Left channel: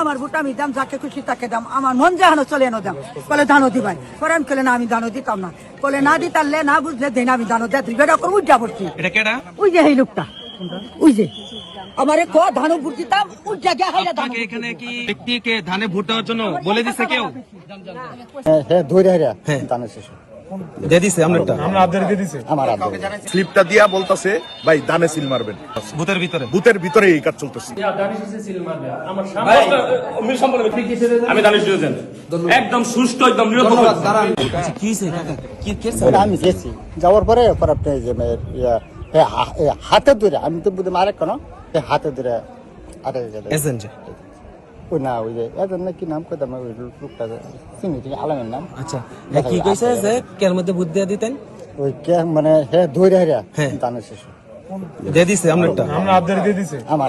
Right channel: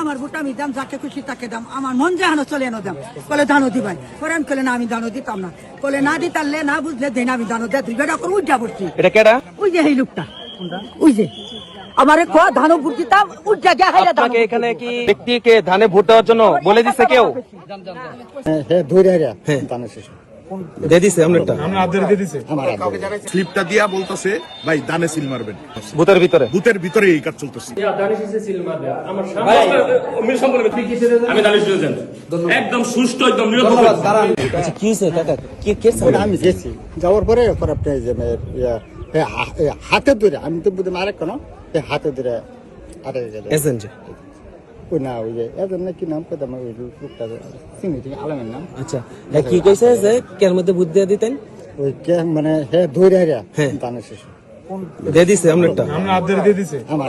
আমার ভোট আমি দাম, যাকে খুশি তাকে দাম, আমার মন যাহানো চলে এনো দাম। বলে ধানও দিবাই, পরে আমি কলে না আমি ধানও দিতাম না, বলে না দিতারলে না বুঝলে দেন আমি ধানও দেয়, তুই বেটা করে উজ্জা পড়ছি। এটা কেডা? ওই যে এই লোকটা, ওই যে আমার ধানও ভোট দিতাম উজ্জা দেয়। আপনাকে এখানে কি ব্যক্তিকে ধানে ভোট দেওয়ার জন্য বলে দিচ্ছে কেউ? দিয়ে দিছে আমনেরটা? স্লিপটা দিয়া বলতাছে ভাই দানে সিল মারবেন, ভূতের ভিতরে বুথের ভিতরে এই কাজ চলতেছে। আমি দানিশ দিয়েছেন একদম সুষ্ঠু একদম নিরপেক্ষ। কি হইছে কাকা? কি কেস? আমি গেছি যাওয়ার পরে আপনি যে হাতে ধরে, আমি তো বুঝতে মারে কেন হাতে ধরে আটকে গেল। এজেন্ট ওই না ওই যে এজন কি নাম কইতাম, ওই লোকটা চিনি ঠিক আলামের নাম। আচ্ছা, কি কইছে যে কের মধ্যে ভূত দিয়ে দিতেন? ওই কে মানে ধরে হারিয়া দানের শেষ দিয়ে দিছে আমনেরটা? আমার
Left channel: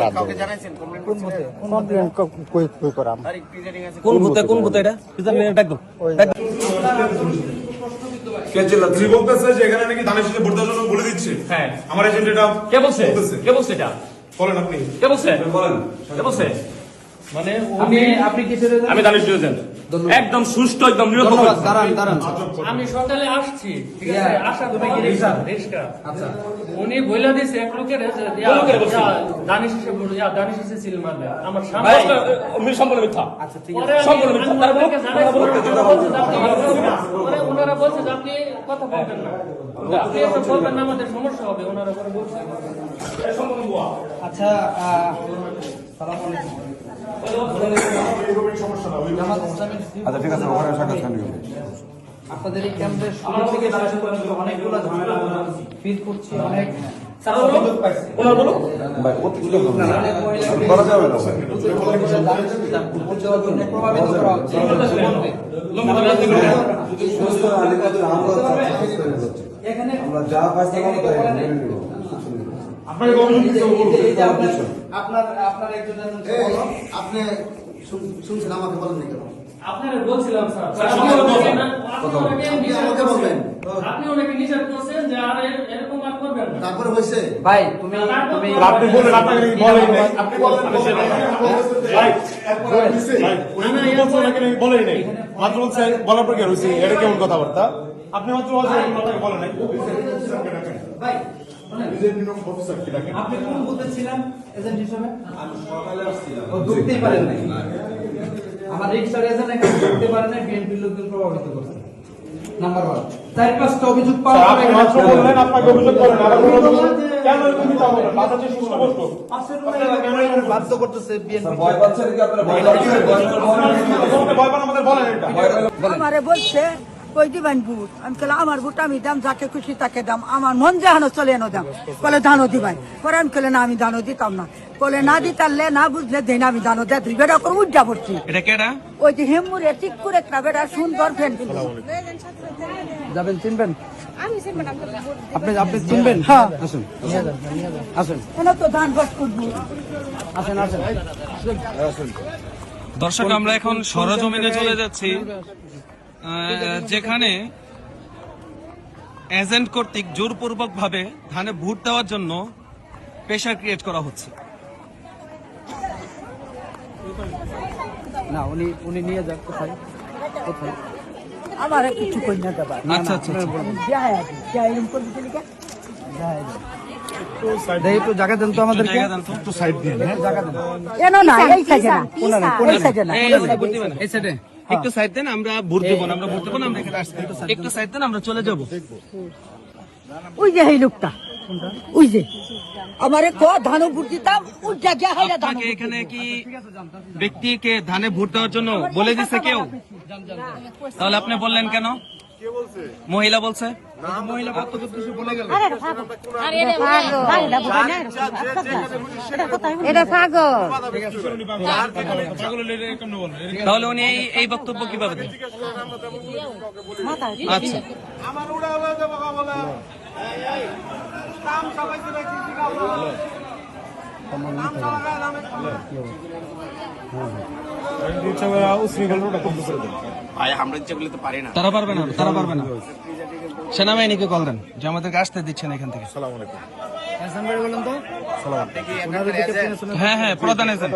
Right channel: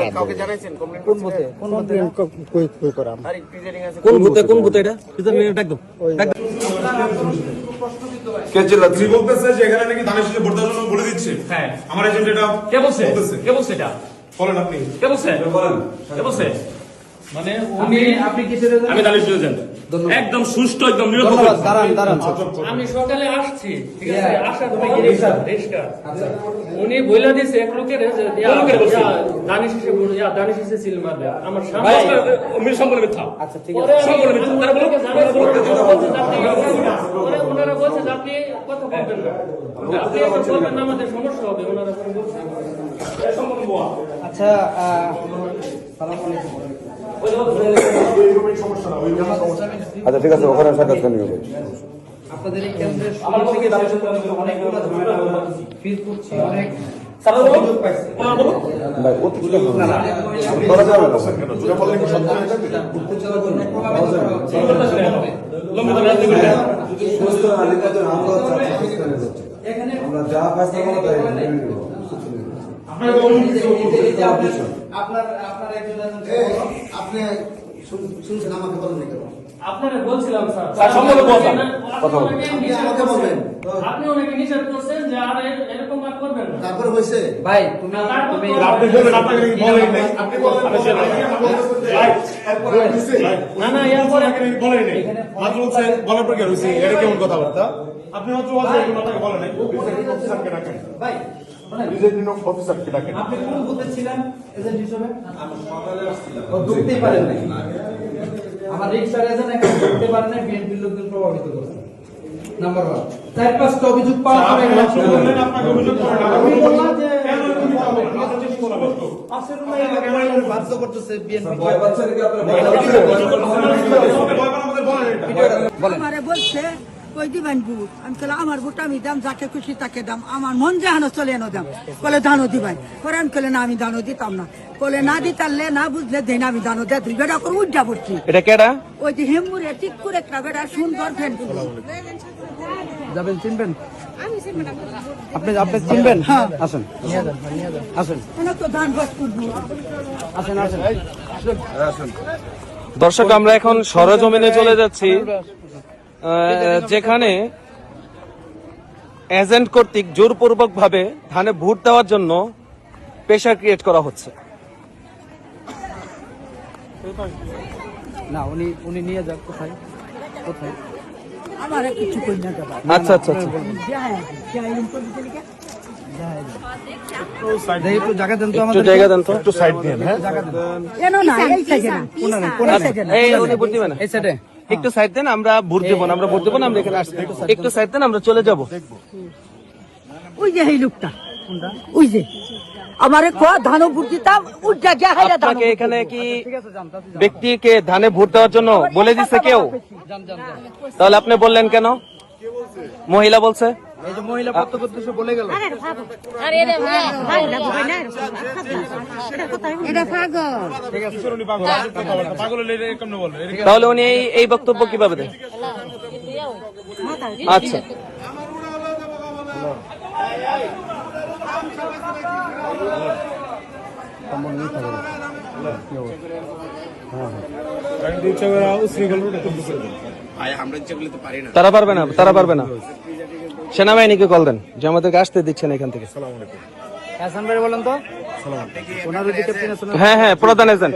কই করাম। কোন ভূতে? কোন ভূতে এটা? একদম তিনি বলতেছে যে এখানে নাকি ধানের শীষে ভোট দেওয়ার জন্য বলে দিচ্ছে। হ্যাঁ, আমার এজেন্ট এটা কে বলছে? কে বলছে এটা? বলেন আপনি, কে বলছে? বলেন। কে বলছে? মানে আপনি কিসের? আমি দানিশ দিয়েছেন একদম সুষ্ঠু একদম নিরপেক্ষ। আমি সকালে আসছি, ঠিক আছে, আসার পরে রিস্কা উনি বইলা দিছে এক লোকের দানিশ এসে সিল মারবে আমার সামনে। সম্পূর্ণ মিথ্যা। আচ্ছা ঠিক পরে আছে। ওনারা বলছে যে আপনি কথা বলবেন না, আপনি একটা বলবেন না, আমাদের সমস্যা হবে। ওনারা করে বলছে। আচ্ছা আচ্ছা ঠিক আছে, ওখানে সাক্ষাৎ করে নিব। আপনাদের এই কেন্দ্রের শুরু থেকে দাঁড়িয়ে অনেকগুলো ঝামেলা ফিল করছি, অনেক ভাই প্রত্যেকটা করা যাবে না। আমরা যা ফাইসলা করব তাই আপনি শুনছেন আমাকে বলেন কেন? আপনারা বলছিলাম স্যার, কথা বলেন। আমাকে বলবেন আপনি ওনাকে নিষেধ করছেন যে আর এরকম আর করবেন না। তারপরে হয়েছে ভাই তুমি আপনি বলেন, আপনাকে বলেন নাই, আপনি বলেন না না, এরপরে বলেন নাই, মাত্র বলছেন বলার পর কি হইছে? এটা কেমন কথাবার্তা? আপনি মাত্র বলছেন আপনাকে বলেন নাই। অফিসারকে ডাকেন ভাই, নিজের নিয়ম অফিসারকে ডাকেন। আপনি কোন বুথে ছিলেন এজেন্ট হিসেবে? আমি সকালে আসছিলাম। ও ঢুকতেই পারেন নাই। আমার রিক্সার এজেন্ট এখানে ঢুকতে পারেন নাই, বিএনপির লোকজন প্রভাবিত করছে। নাম্বার 1 4-5টা অভিযোগ পাওয়ার পরে আপনাকে অভিযোগ করেন না। আমি বললাম যে কেন এরকম দিতে হবে? বাচ্চা শিশু বলতো পাশের রুমে বাধ্য করতেছে বিএনপি। ভয় পাচ্ছেন কি আপনারা? ভয় পান আমাদের বলেন এটা। আমারে বলছে কই দিবেন ভোট, আমি কলে আমার ভোট আমি দাম, যাকে খুশি তাকে দাম, আমার মন যাহানো চলে এনো দাম, বলে ধানও দিবাই, পরে আমি কলে না আমি ধানও দিতাম না, বলে না দিতারলে না বুঝলে দেন আমি ধানও দেয়, তুই বেটা করে উজ্জা পড়ছি। এটা কেডা? ওই যে হেমুরে ঠিক করে একটা বেটা সুন্দর ফ্যান যাবেন, চিনবেন? আপনি আপনি চিনবেন? হ্যাঁ আসেন আসেন তো ধান বাস করবো। আসেন আসেন। দর্শক, আমরা এখন সরেজমিনে চলে যাচ্ছি, যেখানে এজেন্ট কর্তৃক জোরপূর্বক ভাবে ধানে ভোট দেওয়ার জন্য প্রেশার ক্রিয়েট করা হচ্ছে। না উনি উনি নিয়ে যান কোথায় কোথায়? আমার কিছু কই না দেবা। আচ্ছা আচ্ছা একটু জায়গা দেন তো, আমাদের জায়গা দেন তো, একটু সাইড দিন। এনো না, এই সাইডে না, কোন সাইডে না, এই সাইডে একটু সাইড দেন, আমরা ভোট দেবো না, আমরা ভোট দেবো না, আমরা একটু সাইড দেন, আমরা চলে যাব। ওই যে এই লোকটা, ওই যে আমারে ধানও ভোট দিতাম উজ্জা দেয়। আপনাকে এখানে কি ব্যক্তিকে ধানে ভোট দেওয়ার জন্য বলে দিচ্ছে কেউ? তাহলে আপনি বললেন কেন? মহিলা বলছে, মহিলা প্রত্যক্ষদর্শী বলে গেল। তাহলে উনি এই বক্তব্য কিভাবে দেন? আচ্ছা তারা পারবে না, তারা পারবে না। সেনাবাহিনীকে কল দেন যে আমাদেরকে আসতে দিচ্ছেন এখান থেকে। বলেন তো। হ্যাঁ হ্যাঁ, প্রধান এজেন্ট।